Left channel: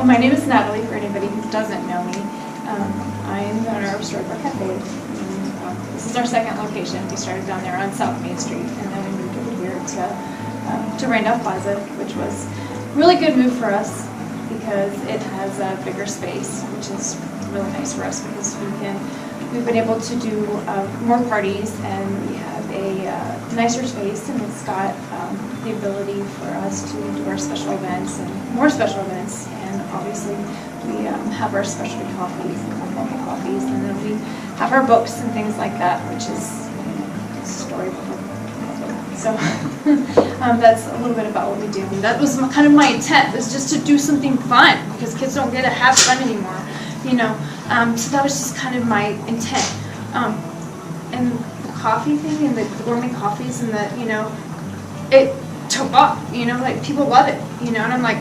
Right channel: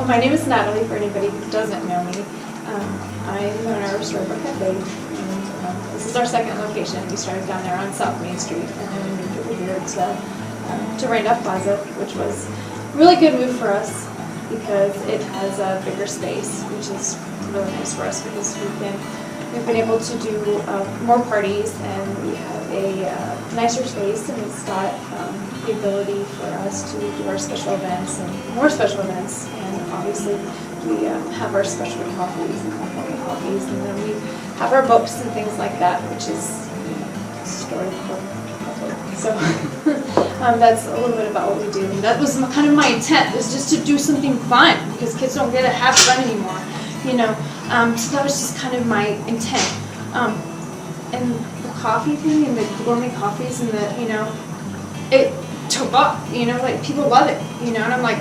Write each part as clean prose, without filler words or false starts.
Well, my name is Natalie, for anybody who doesn't know me. I'm the owner of Storybrooke Cafe, and this is our second location. We started down there on South Main Street, and then we moved over here to Randolph Plaza, which was a really good move for us because it has a bigger space, which is really nice for us because we've been able to do more parties, and we have a nicer space, and it's got the ability for us to do our special events and more special events. And obviously we have our specialty coffees and our coffees, and then we have our books and things like that, which is Storybrooke Cafe. So that's a little bit about what we do. And that was kind of my intent, was just to do something fun, because kids don't get to have fun anymore, you know. So that was just kind of my intent. And the coffee thing and the gourmet coffees and the, you know, it took off, you know, like people love it, you know, and I'm like,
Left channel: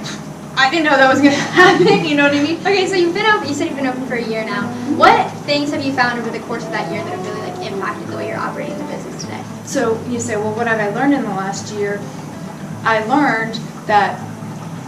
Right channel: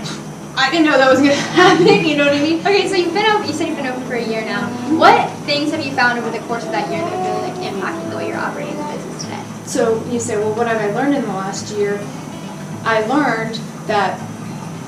I didn't know that was going to happen, you know what I mean? Okay, so you said you've been open for a year now. What things have you found over the course of that year that have really impacted the way you're operating the business today? So you say, well, what have I learned in the last year? I learned that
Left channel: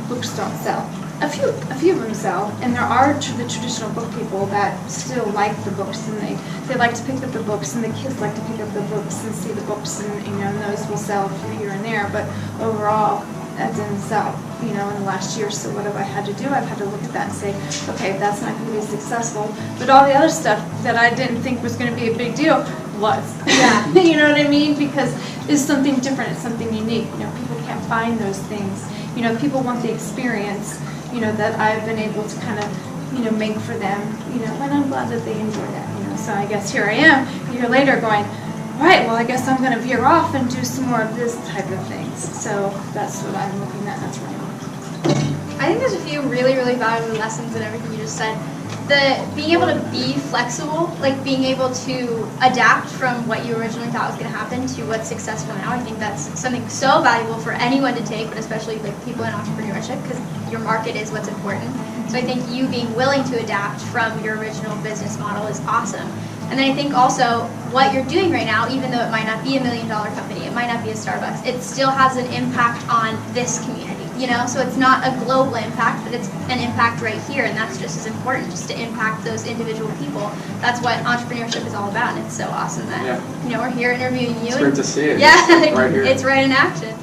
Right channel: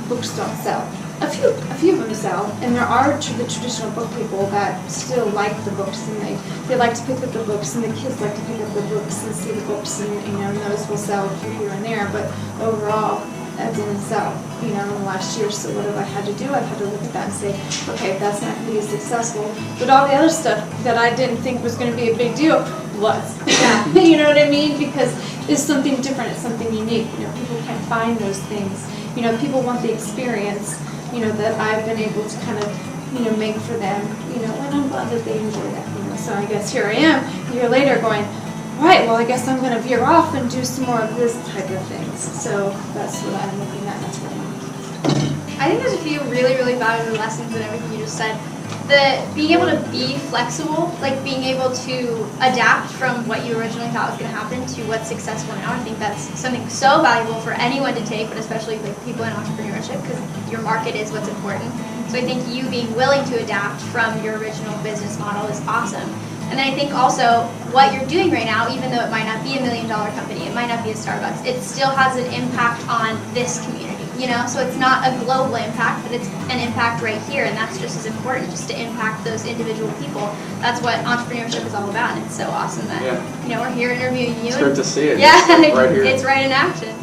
books don't sell. A few of them sell, and there are the traditional book people that still like the books, and they like to pick up the books, and the kids like to pick up the books and see the books, and you know, and those will sell a few here and there, but overall that didn't sell, you know, in the last year. So what have I had to do? I've had to look at that and say, okay, that's not going to be successful, but all the other stuff that I didn't think was going to be a big deal was. Yeah. You know what I mean? Because it's something different, it's something unique. You know, people can't find those things. You know, people want the experience, you know, that I've been able to kind of, you know, make for them, you know, and I'm glad that they enjoy that, you know. So I guess here I am, a year later, going, all right, well, I guess I'm going to veer off and do some more of this type of things. So that's what I'm looking at, and that's what I'm looking at. I think there's a few really, really valuable lessons in everything you just said. Being able to be flexible, like being able to adapt from what you originally thought was going to happen to what's successful now. I think that's something so valuable for anyone to take, but especially like people in entrepreneurship, because your market is what's important. So I think you being willing to adapt from your original business model is awesome. And then I think also what you're doing right now, even though it might not be $1 million company, it might not be a Starbucks, it still has an impact on this community, you know? So it's not a global impact, but it's an impact right here, and that's just as important, just to impact those individual people. That's what entrepreneurship is all about, and it's so awesome that, you know, we're here interviewing you. It's great to see it. Yeah, it's right here. It's right in action.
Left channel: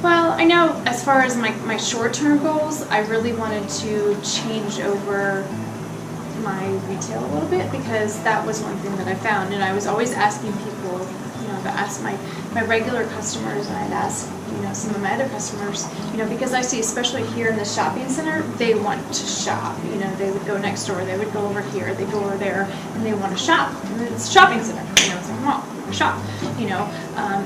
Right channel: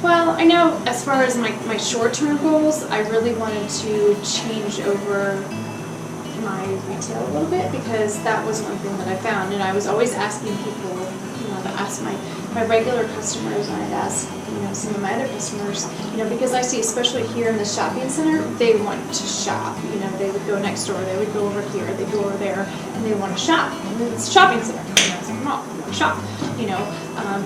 Well, I know as far as my short-term goals, I really wanted to change over my retail a little bit, because that was one thing that I found, and I was always asking people, you know, to ask my regular customers, and I'd ask, you know, some of my other customers, you know, because I see, especially here in the shopping center, they want to shop, you know, they would go next door, they would go over here, they go over there, and they want to shop, and it's a shopping center, you know, it's like, come on, we want to shop, you know,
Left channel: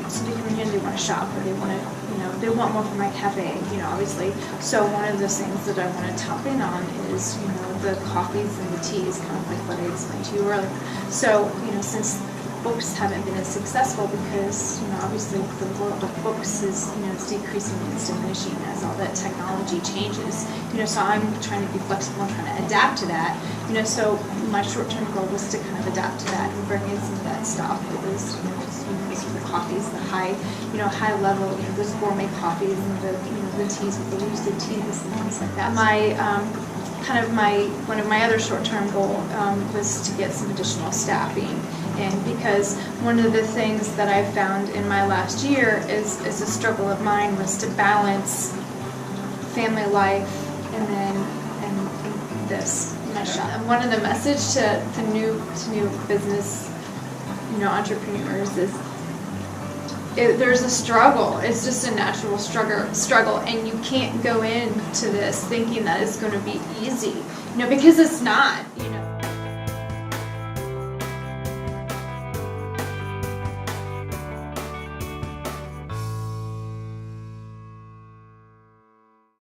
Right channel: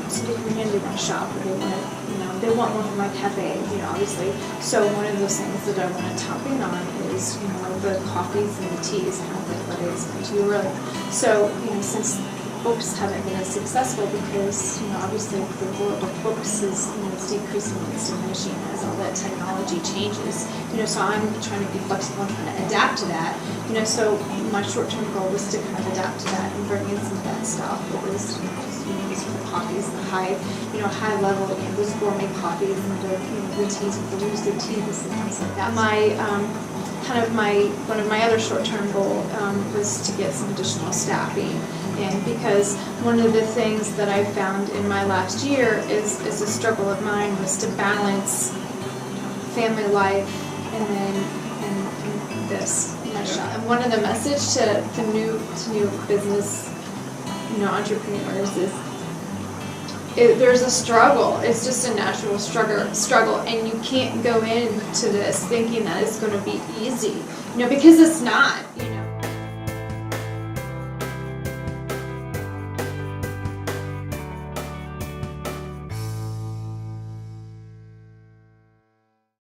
so they come in here and they want to shop, or they want to, you know, they want more from my cafe, you know, obviously. So one of those things that I want to top in on is, you know, the coffees and the teas, kind of like what I explained to you earlier. So, you know, since books haven't been as successful, because, you know, obviously the world of books is, you know, it's decreasing and it's diminishing as all that technology changes, you know, so I'm trying to be flexible and trying to adapt to that, you know. So my short-term goal was to kind of adapt to that and bring in some of that stuff. It was, you know, just, you know, these are the coffees, the high, you know, high level, you know, those gourmet coffees, and the, you know, the teas with the roasted teas and things like that. One of my other short-term goal was to get some additional staffing, and because one of the things that I found in my last year is a struggle of mine was to balance family life and this, my shop. And one of the message to new business, you know, entrepreneurs is, there's a struggle. It's just a natural struggle, and you can't go into this thinking that it's going to be easy, you know, because it's not, you know.